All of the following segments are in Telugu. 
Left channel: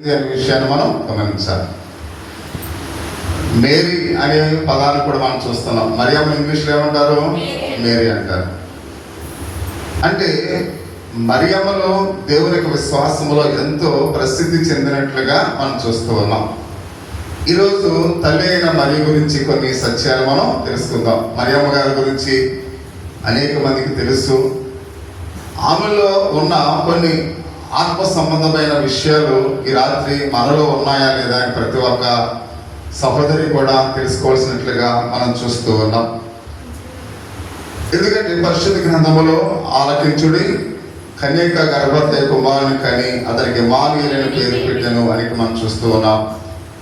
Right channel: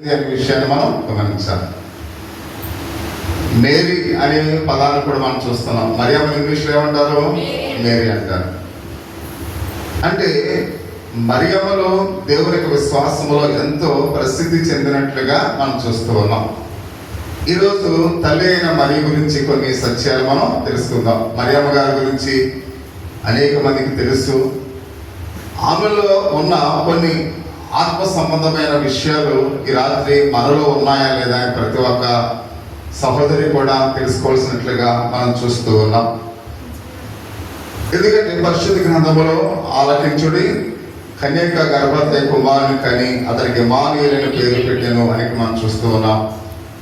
అనే విషయాన్ని మనం గమనించాలి. మేరీ అనే పదాన్ని కూడా మనం చూస్తున్నాం. మరియమ్మ ఇంగ్లీష్లో ఏమంటారు? మేరీ అంటారు. అంటే మరియమ్మలో దేవుని యొక్క విశ్వాసంలో ఎంతో ప్రసిద్ధి చెందినట్లుగా మనం చూస్తూ ఉన్నాం. ఈరోజు తల్లి అయిన మరియ గురించి కొన్ని సత్యాలు మనం తెలుసుకుందాం. మరియమ్మ గారి గురించి అనేక మందికి తెలుసు. ఆమెలో ఉన్న కొన్ని ఆత్మ సంబంధమైన విషయాలు ఈ రాత్రి మనలో ఉన్నాయా లేదా అని ప్రతి ఒక్క సహోదరి కూడా తెలుసుకోవాల్సినట్లుగా మనం చూస్తూ ఉన్నాం. ఎందుకంటే పరిశుద్ధ గ్రంథములో ఆలకించుడి, కన్యక గర్భవతి కుమారుని కని అతనికి ఇమ్మానుయేలు పేరు పెట్టెను అని మనం చూస్తూ ఉన్నాం.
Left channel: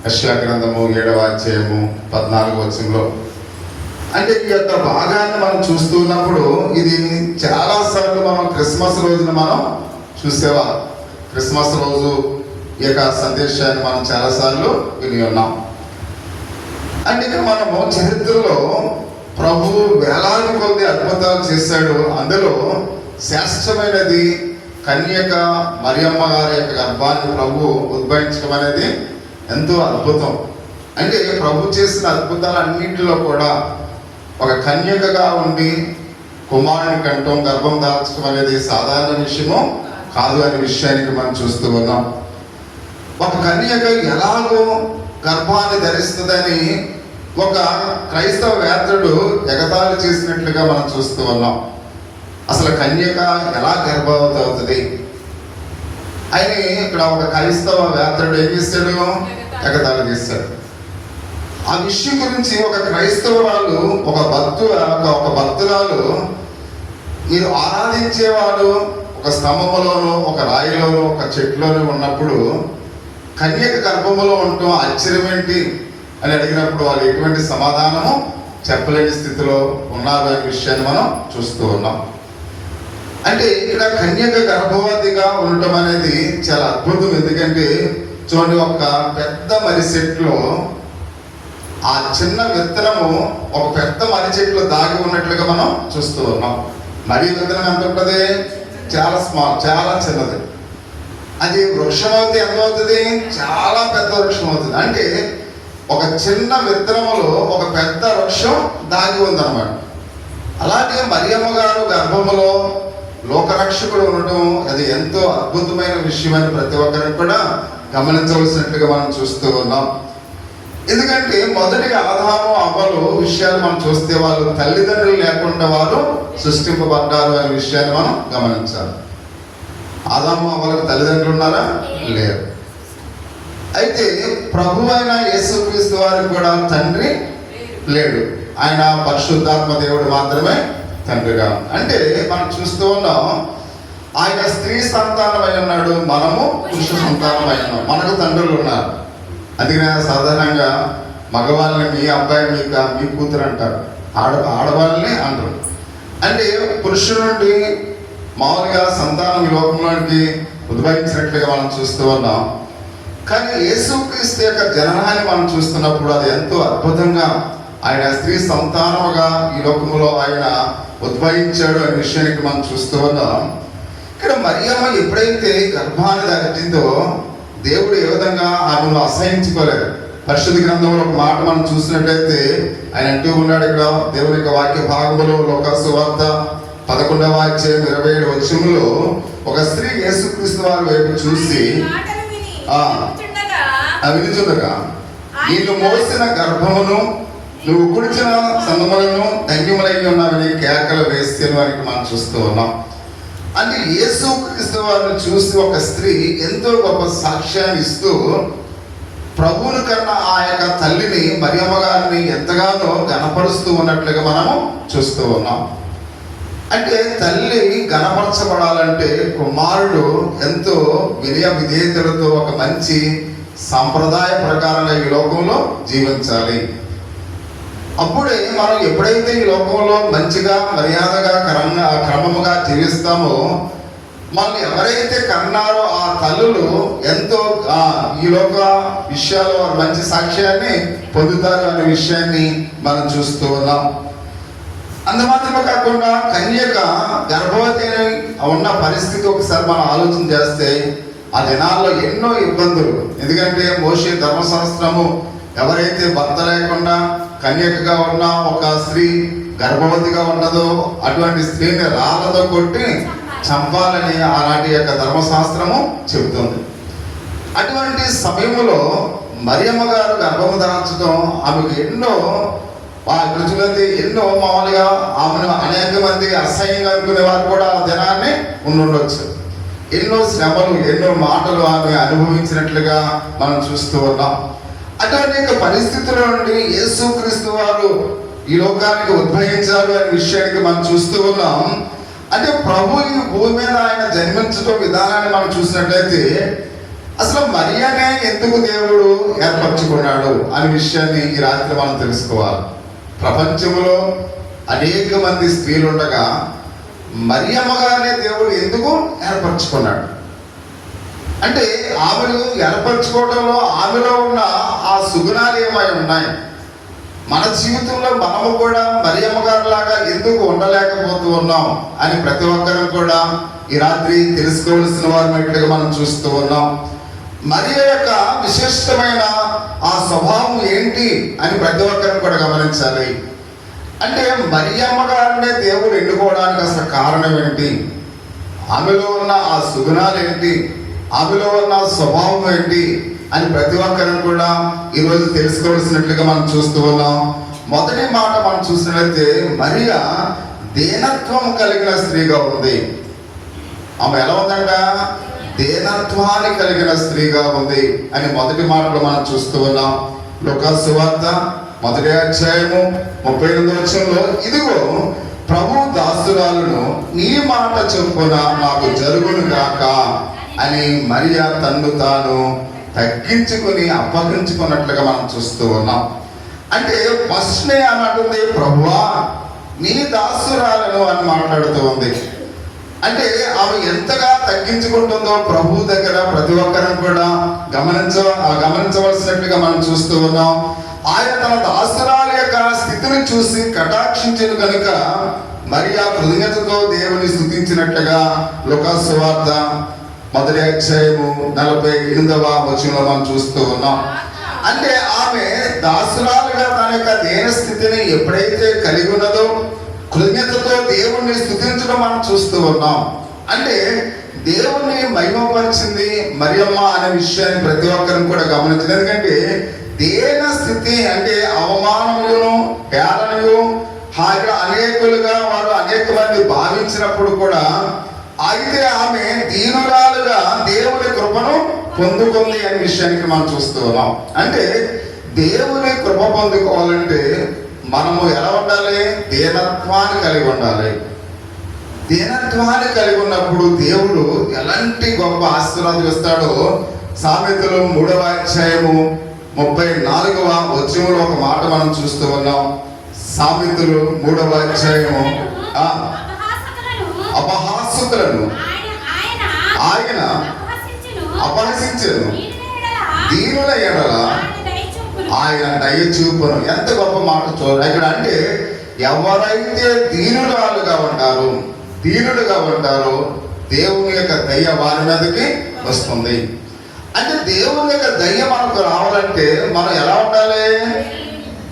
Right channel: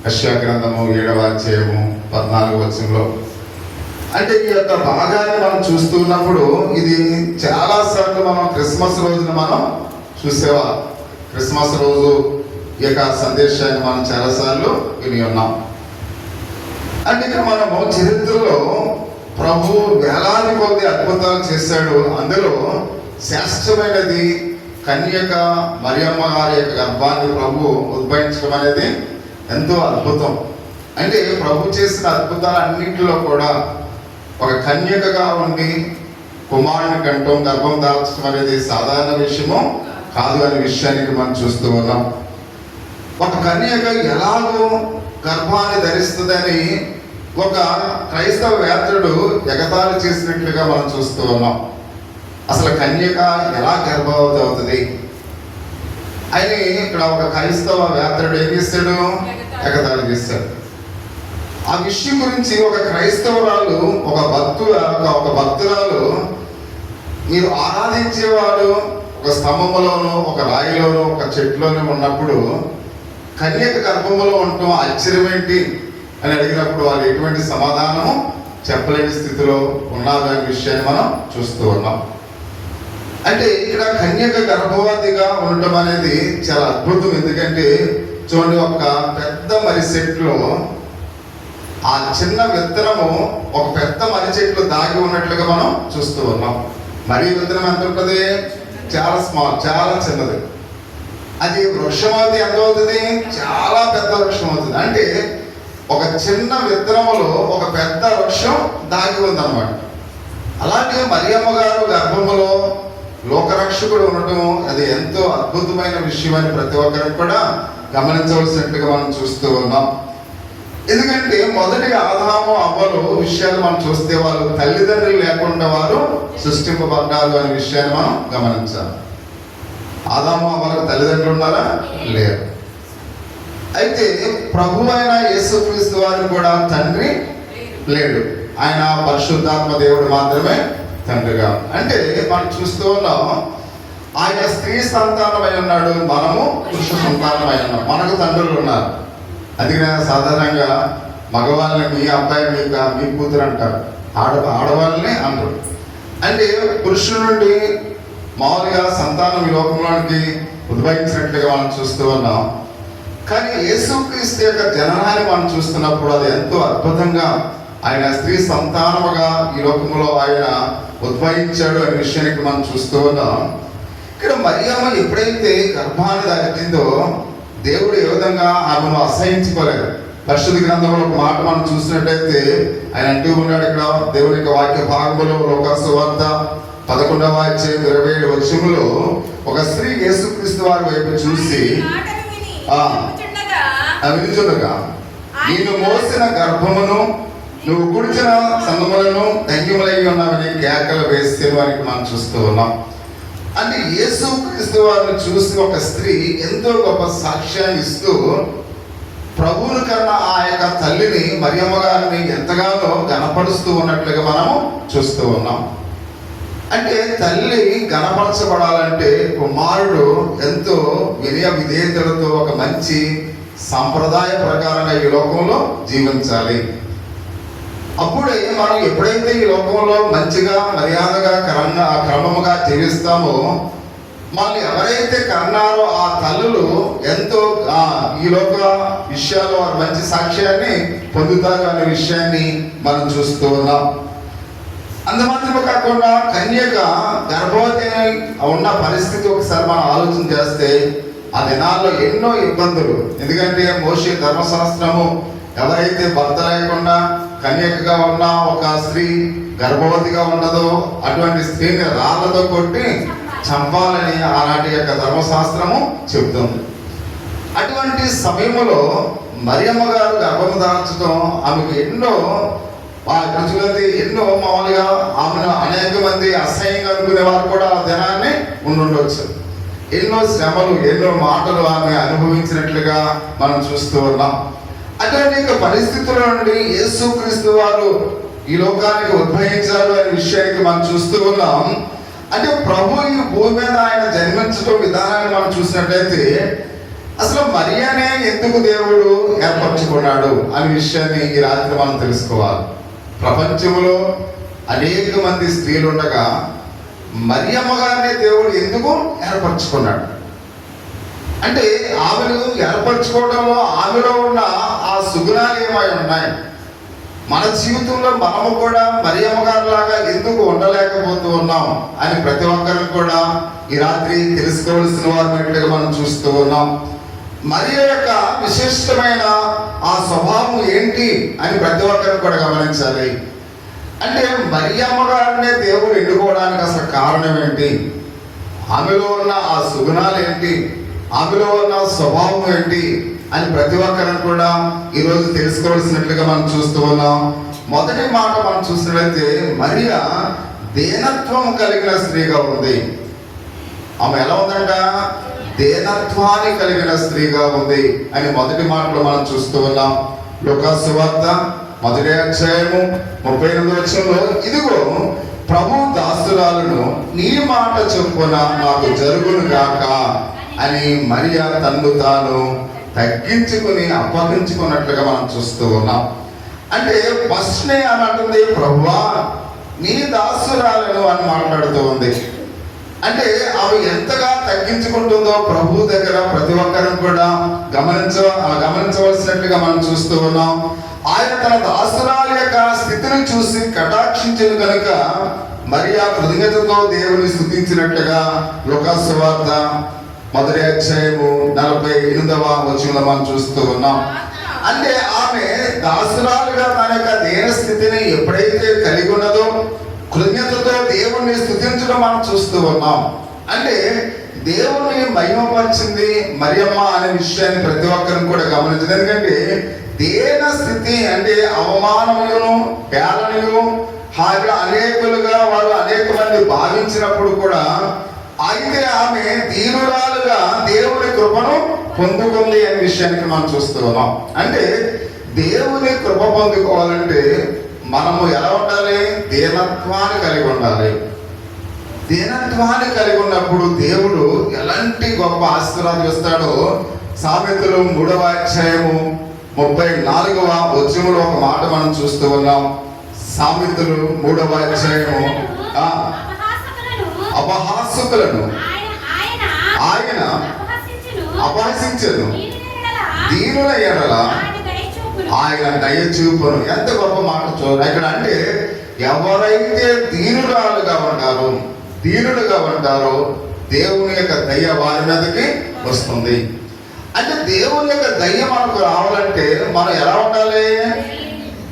యెషయా గ్రంథము 7వ అధ్యాయము 14వ వచనంలో. అంటే ఈ యొక్క భాగాన్ని మనం చూస్తున్నప్పుడు ఇది చాలా సార్లు మనం క్రిస్మస్ రోజున మనం చూసేవా. క్రిస్మస్ రోజు ఈ యొక్క సందేశాన్ని మనం చాలాసార్లు విని ఉన్నాం. అంటే ఇక మనము చరిత్రలో ప్రభు వేలాది కొద్ది అద్భుతాలు చేశాడు. అందులో శ్రేష్టమైనది కన్యక మరియమ్మ గారి యొక్క గర్భాన్ని ప్రభు ఉద్భవించడం అనేది ఎంతో అద్భుతం. అంటే ప్రభు చేసిన అద్భుతాలన్నింటిలో కూడా ఒక కన్యకగా ఉండి కుమారుని కంఠం గర్భం దాల్చడం అనేది సాధారణ విషయము కాదు అనే విషయానికి మనం చూస్తూ ఉన్నాం. ఒక కన్యక ఎలాగో గర్భాన్ని ధరిస్తుందని ఒక క్రైస్తవ వేత్రుడు ఎగతాళి చేసినట్లుగా మనం చూస్తూ ఉన్నాం. అసలు కన్యక ఎలా గర్భవతి అవుతుంది అని ఇక్కడ ఒక క్రైస్తవ వేత్రుడు ఏం చేస్తాడు? ఎగతాళి చేస్తాడు. ఆ విషయం గురించి ఒక క్రైస్తవ వాళ్ళు ఒక భక్తురాలు మీరు ఆరాధించేవాడు ఒక స్తంభంలోనూ ఒక రాయిలోనూ ఒక చెట్టులోనూ ఉన్నప్పుడు కన్యక గర్భంలో ఉండటం ఆశ్చర్యం ఏంటి అని అడిగినప్పుడు వాళ్ళు ఎటువంటి సమాధానము చెప్పలేని స్థితిలో ఉన్నారు అనే విషయాన్ని మనం చూస్తూ ఉన్నాం. అంటే ఇక్కడ కన్యక గర్భవతిగా ఉండటం అనేది చాలా అద్భుతం. ఎందుకంటే చూడండి, ఒక పెద్ద మర్రి చెట్లో ఆ చిన్న విత్తనము ఒక పెద్ద మర్రి చెట్లు దాగి ఉన్నట్లుగా మనం చూస్తూ ఉన్నాం. మర్రి విత్తనం ఎంత ఉంటుంది? చాలా స్మాల్, చాలా చిన్నది. అది వృక్షం అవుతుంది. ఎంత అవుతుంది? చాలా పెద్ద వృక్షం అవుతుంది. అంటే ఒక చిన్న విత్తనములో ఒక పెద్ద వృక్షం దాగి ఉందన్నమాట. అలాగే మరియమ్మ గారు గర్భములో లోకరక్షకుడు ఉండటం అది ఎంతో అద్భుతమైన విషయం అని ప్రతి ఒక్కరికి కూడా గమనించవలసినట్లుగా మనం చూస్తూ ఉన్నాం. ఎందుకంటే మొదటిగా ఆదాము అవ్వలు విషయాలు మనం చూస్తే వాళ్ళు తల్లిదండ్రులు లేకుండా వారు సృష్టింపబడ్డారు అనే విషయాన్ని మనం గమనించాలి. ఆదాము అవ్వలకు తల్లిదండ్రులు ఉన్నారా? లేరు. అయితే ప్రభు అయిన యేసుక్రీస్తు వారికి కూడా తండ్రి లేడు. ఆయన పరిశుద్ధాత్మ దేవుడు మాత్రమే తండ్రిగా. అంటే మనం చూస్తూ ఉన్నాం, ఆయన స్త్రీ సంతానమై ఉన్నాడు, మనము పురుష సంతానమై ఉన్నాం. మనకు తండ్రులు ఉన్నారు. అందుకనే సాధారణంగా మగవాళ్ళని మీ అబ్బాయి మీ కూతురు అంటారు, ఆడవాళ్ళని అంటారు. అంటే పురుషుడి నుండి మామూలుగా సంతానం ఈ లోకంలోనికి ఉద్భవించినట్లుగా మనం చూస్తూ ఉన్నాం. కానీ యేసుక్రీస్తు యొక్క జననాన్ని మనం చూస్తున్నప్పుడు అది ఎంతో అద్భుతంగా ఆయన స్త్రీ సంతానముగా ఈ లోకంలో ఆయన ఉద్భవించాడు అనే విషయానికి మనం చూస్తూ ఉన్నాం. ఇక్కడ మరియమ్మ ఎప్పుడైతే గర్భాన్ని దాటిందో దేవుడు ఏ విధంగా ఆమెను అసహించుకోలేదు. పరిశుద్ధ గ్రంథంలో ఒక మాట మనం చూసినట్లయితే ఆయన అంటూ ఉన్నాడు. ఇక్కడ దేవుని యొక్క వాక్య భాగంలో లోకాసు వార్త 11వ అధ్యాయం 27వ వచనంలో ఒక స్త్రీ యేసుక్రీస్తు వారి వైపు చూసి వినుచుండగా నేను మోసిన గర్భమును నువ్వు కుడిచిన సంగములను ధన్యములై ఉన్నామని కేకలు వేస్తే వారికి మనం చూస్తూ ఉన్నాం. అంటే యేసుక్రీస్తు వారిని చూసి ఒక స్త్రీ ఎంతో గొప్ప సాక్ష్యాన్ని ఇస్తూ ప్రభువుని కన్నా ఆ యొక్క తల్లిని మరియమ్మ గారిని ఎంతగానో గణపరుస్తూ ఉన్నట్లుగా మనము చూస్తూ ఉన్నాం. అంటే తల్లి గణపరచబడాలంటే కుమారుడు ఎంతో వినయ విధేయతలతో ఒక మంచి సాంప్రదాయ ప్రకారంగా ఈ లోకంలో జీవించాలి. అప్పుడే మనం ఎప్పుడైతే ఈ లోకంలో మంచిగా మర్యాదగా క్రమముగా జీవిస్తామో మనల్ని ఎవరైతే కన్నారో ఆ తల్లులు ఎంతో ఈ లోక విషయాల్లో వారు మంచి సాక్ష్యాన్ని పొందుతారు అనే విషయాన్ని మనం చూస్తూ ఉన్నాం. అందుమాత్రమే కాకుండా కన్యక గర్భవతి ఉన్న పరిస్థితి ఒకసారి మనం ఆలోచన చేస్తే ఆ దినాల్లో ఎన్నో ఇబ్బందులు. ఎందుకంటే మోషే ధర్మశాస్త్రము ఎవరైతే భర్త లేకుండా కన్యకగా ఉన్న ఒక స్త్రీ గర్భవతిగా ఉన్నదో అటువంటి స్త్రీని రాళ్ళతో కొట్టి చంపాలని ఆనాటి యొక్క ధర్మశాస్త్రము చెబుతుంది. అటువంటి సమయంలో మరియమ్మ గారు గర్భము దాల్చడం ఆమెకు ఎన్నో ఎన్నో మామూలుగా ఆమెను అనేక మంది అసహ్యంగా అనుకునే వారు కూడా ఆ దినాన్ని ఉండుండొచ్చు. ఎన్నో శ్రమలు, ఎన్నో మాటలు ఆమె అనుభవించినట్లుగా మనం చూస్తూ ఉన్నాం. అటువంటి పరిస్థితుల నుండి యేసుక్రీస్తు వారు ఈ లోకానికి ఉద్భవించారు అనే విషయానికి మనం చూస్తూ ఉన్నాం. అంటే ప్రభు ఈ భూమి మీద ఆయన జన్మించడం విధానాన్ని మనం చూసినట్లయితే అసలు మరియనే ఎందుకు దేవుడు ఏర్పరచుకున్నాడు అనే విషయాన్ని ఈ రాత్రి మనం తెలుసుకోవాలి. ప్రపంచంలో అనేక మంది స్త్రీలు ఉండగా మరియమ్మ గారినే దేవుడు ఎందుకు ఏర్పరచుకున్నాడు అంటే ఆమెను ఏర్పరచుకోవడంలో ఆమెలో ఉన్న ఆ సుగుణాలు ఏమై ఉన్నాయి. మన జీవితంలో మనము కూడా మరియమ్మ గారి లాగా ఎందుకు ఉండలేకపోతూ ఉన్నాం అని ప్రతి ఒక్కరం కూడా ఈ రాత్రి తెలుసుకోవలసిన వారినట్లుగా మనం చూస్తూ ఉన్నాం. మరియ యొక్క విశిష్టమైన ఆ స్వభావం ఏంటి అని ప్రతి ఒక్కరం కూడా గమనించాలి. అంటే మరియమ్మ గారినే దేవుడు ఎన్నుకోవడానికి అసలు కారణం ఏంటి, ఆమెలో ఉన్న ఆ సుగుణాలు ఏంటి, ఆమెలో ఉన్న స్వభావం ఏంటి అని ప్రతి ఒక్కరిని కూడా ఈరోజు తెలుసుకోవాల్సినట్లుగా మనం చూస్తూ ఉన్నాం. మొదటి మాట మనం చూసినట్లయితే మరియ దీనత్వం కలిగిన స్త్రీగా ఉంది. ఆమె ఎలా ఉందంట? దీనత్వాన్ని కలిగిన స్త్రీగా ఉంది అని మొదటి మాటలో మనం చూస్తూ ఉన్నాం. లూకాసు సువార్త 1వ అధ్యాయము 38వ వచనంలో, ఇదిగో ప్రభు దాసురాలను నీ మాట చొప్పున నాకు జరుగును గాక అని మరియ తన్ను తాను తగ్గించుకుని అప్పగించుకున్నట్లుగా మనం చూస్తూ ఉన్నాం. అంటే ఫస్ట్నే అన్నట్టుంది ప్రభువా నీ దాసురాలను అని మాట్లాడుతూ ఉంది. అంటే ఆమె ఎంతగా తగ్గించుకుంటుందో ప్రభు దగ్గర ప్రతి ఒక్కరిని కూడా గమనించవలసినట్లుగా మనం చూస్తూ ఉన్నాం. ఆయన తన దాసురాల యొక్క స్థితిని చూసి కటాక్షించిన కనుక మరియా కృతజ్ఞతతో దేవుని స్తుతించినట్లుగా లూకాసు సువార్త 1వ అధ్యాయము 48వ వచనంలో మనం చూస్తూ ఉన్నాం. అంటే ఆమె దాసురాలుగా తన యొక్క దేన స్థితిని ఎప్పుడైతే కలిగి ఉన్నదో కృతజ్ఞతతో దేవుణ్ణి స్తుతించడం మనం చూస్తూ ఉన్నాం. అంటే దేవుని మహిమపరిచింది మరియమ్మ అనే విషయాన్ని ప్రతి ఒక్కరిని కూడా గమనించింది. ఎందుకంటే దేన స్థితి అంటే అవమానములను, హేళనలు అనేకులుగా వారు అనేక మంది భావించినప్పుడు కూడా అయితే ఆమె దీనురాలుగా దేవుని కృపను పొందుకుంది అనే విషయానికి మనం చూస్తూ ఉన్నాం. అంటే దేవుని కృప పొందుకోవాలంటే మనము ఎలా ఉండాలి? దీనత్వాన్ని కలిగి ఉండాలి. దీనత్వాన్ని కలిగి ఉన్నప్పుడు దేవుడు ఎలాంటి గొప్ప ఆశీర్వాదం ఇస్తాడో సామెతలు 3వ అధ్యాయము 34వ వచనంలో ఒక మాట మనం చూస్తూ ఉన్నాం. సామెతలు 3వ అధ్యాయము అపహాసకులను ఆయన అపహసించను, దీనుల ఎడల ఆయన దయ చూపును. ఎంత గొప్ప మాట చూడండి ఇక్కడ. అంటే ఎవరైతే దీనులుగా ఉంటారో దేవుని యొక్క దయ వారి మీదకి వస్తుంది. అంటే దేవుని యొక్క దయ మనకు రావాలంటే మనం ఎలా ఉండాలి?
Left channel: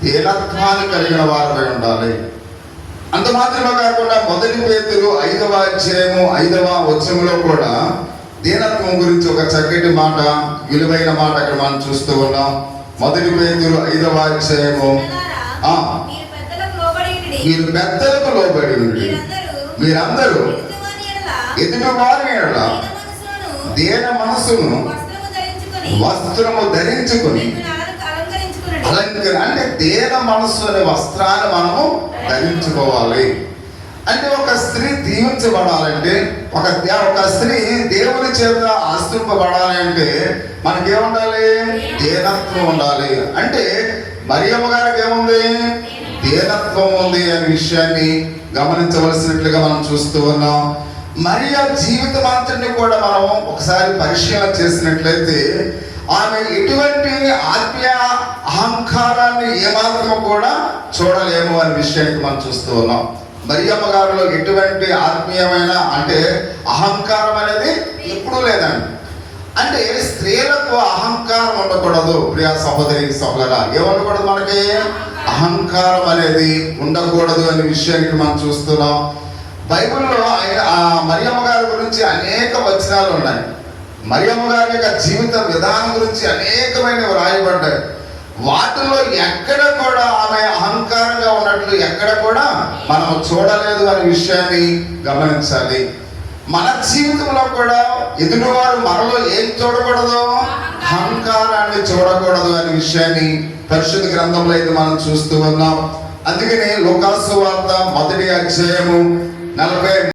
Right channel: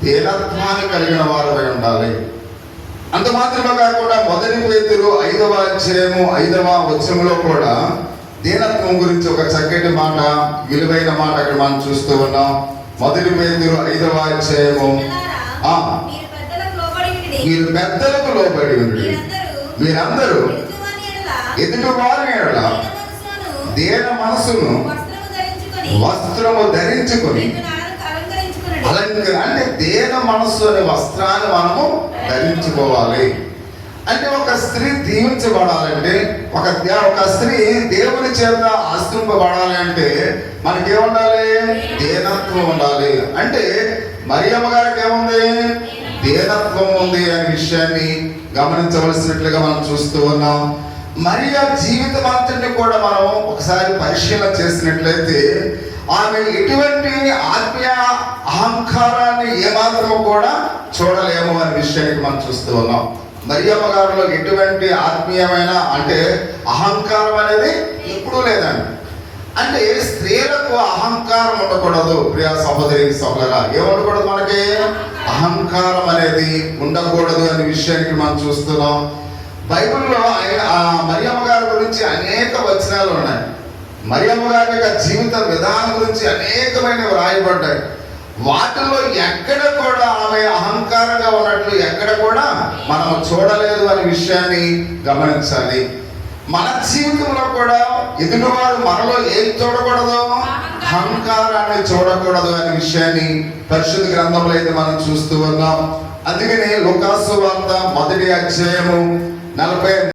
దీనత్వాన్ని కలిగిన వారమై ఉండాలి. అంత మాత్రమే కాకుండా 1 పేతురు 5వ అధ్యాయము 5వ వచనంలో కూడా దీనత్వం గురించి ఒక చక్కటి మాట, విలువైన మాట అక్కడ మనం చూస్తూ ఉన్నాం. 1 పేతురు 5వ అధ్యాయము మీరు పెద్దలకు లోబడి ఉండి మీరందరూ ఎదుటి వారిని ఎడల దీన మనసును వస్త్రము ధరించుకుని అంటే దేన మనస్సు అనే వస్త్రాన్ని మనము ధరించుకోవాలి. అంటే ఒక స్త్రీ దీవించబడాలంటే, ఒక స్త్రీ దేవుని చేత ఆశ్రయింపబడాలి అంటే మనకేముండాలి? దీనత్వం ఉండాలి. అంటే మరియమ్మ గారికి ఏముంది? దీనత్వం ఉంది అనే విషయాన్ని గమనించవలసినట్లుగా మనం చూస్తూ ఉన్నాం. మరియ జీవితం అంతటిని కూడా మనం ఒకసారి పరిశీలన చేసినట్లయితే ఆమె ఎటువంటి ఆత్మీయ అహంకారాన్ని ఏమాత్రము కూడా చూడలేము అనే విషయానికి మనం చూస్తూ ఉన్నాం. మరియమ్మ గారిలో ఎటువంటి ఆత్మీయమైన అంటే అహంకారం అనేది ఎప్పుడూ లేదండి. అంటే స్త్రీలకు అహంకారం ఉండకూడదు. ప్రియ సహోదరి సహోదరులారా, ఏముండకూడదు? మనకి అహంకారం అనేది ఉండకూడదు అనే విషయానికి మనం చూస్తున్నాం. బైబిల్లో మరియమ్మ గారి గురించి అనేక వచనాలు ఉన్నాయి. మరియమ్మ గారి యొక్క జీవిత విధానం గురించి అనేకమైనవి రాయబడ్డాయి. వాటిలో ఎక్కడ కూడా ఆమె అహంకారంగా ఉన్నట్లు ఎక్కడ కూడా మనం చూడలేదు అనే విషయాన్ని గమనించాలి. మన జీవితంలో కూడా ఎదుటివారు మనలో ఏం చూడకూడదు? అహంకారాన్ని చూడకూడదు అనే విషయాన్ని పరిశుద్ధ గ్రంథంలో అయితే మనం చూస్తూ ఉన్నాం. అందుకని లూకా సువార్త 1వ అధ్యాయము 40